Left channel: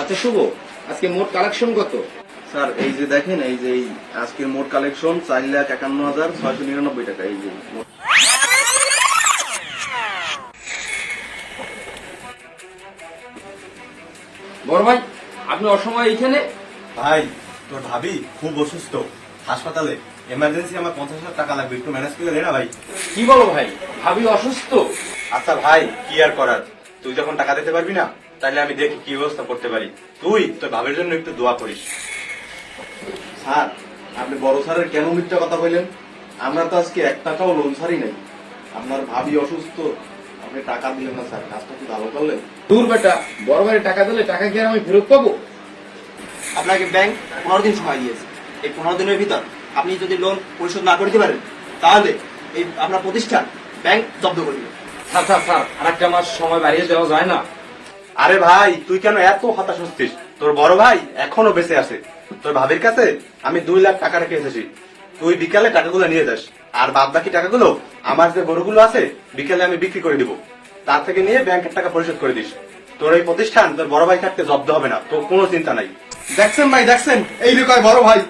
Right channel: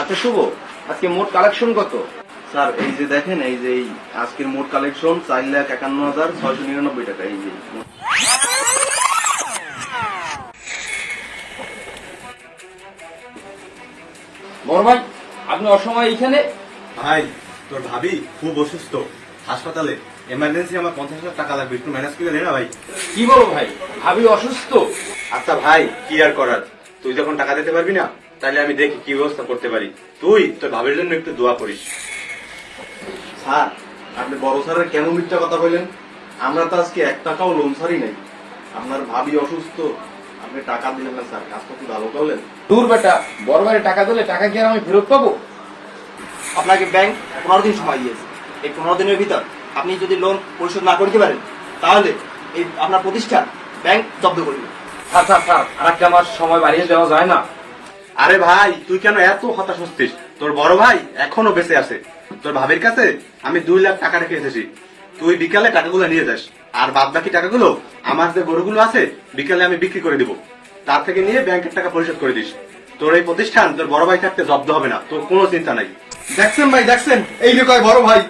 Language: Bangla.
আচ্ছা শুভ, আজকে মোট কালেকশন কত? স্যার এই যে দেখেন, এই যে আজকের মোট কালেকশন 4,51,699 টাকা। এই যে বড় ভাই, আপনি অসময় এইখানে? ভাই, তোর ভাবি খুব অসুস্থ, হাসপাতালে এমার্জেন্সি, আমার 50,000 টাকা লাগবে, একটু ম্যানেজ করে নে না ভাই। কি বলো ভাই, ভাবি অসুস্থ? আচ্ছা ভাই, কি আর করার, তুই যখন টাকা দিতে পারবি না, তাহলে আমি দেখি কি ব্যবস্থা করতে পারি। তুই তোর ভাবির জন্য একটু দোয়া করিস। স্যার, আপনি বড় স্যারের কেন মিথ্যা কথা বললেন? আমরা তো আজকে 1 টাকাও লোন ছাড়ি নাই। আপনার ভাবি অসুস্থ, আপনি টাকা দিলেন না স্যার, কাজটা কি ভালো করলেন? দূর বেটা, বড় ভাই টাকা দিলে টাকা কি আর আমি ফেরত পাবো? আপনাকে ব্যাংক 15 দিন সময় দিয়েছে। এই 15 দিনের ভিতর আপনি যদি লোন পরিশোধ না করতে পারেন, তাহলে এই আপনার প্রতিষ্ঠান ব্যাংক জব্দ করবে। স্যার স্যার স্যার, আর একটা মাস সময় বাড়িয়ে দেওয়া যায় না? আরে ভাই, তুই কেন এত হতাশ হচ্ছিস? তোর বড় ভাই এখনো বেঁচে আছে। তোর ভাবির কাছে আমি 2 লাখ টাকা রেখে এসেছি। তুই বিকালে টাকাগুলো নিয়ে যাস, আর বাদ বাকি টাকাগুলো আমার যে গরুগুলো আছে বিকালে আমি বিক্রি করে দিব। তার থেকে নিয়ে ব্যাংকের টাকা পরিশোধ করে দিস। তোর এই প্রতিষ্ঠান তোর বড় ভাই থাকতে জব্দ হবে না, তোর কোনো চিন্তা নাই। দেখছেন ভাই, দেখছেন, এই বিষয়ে বড় ভাই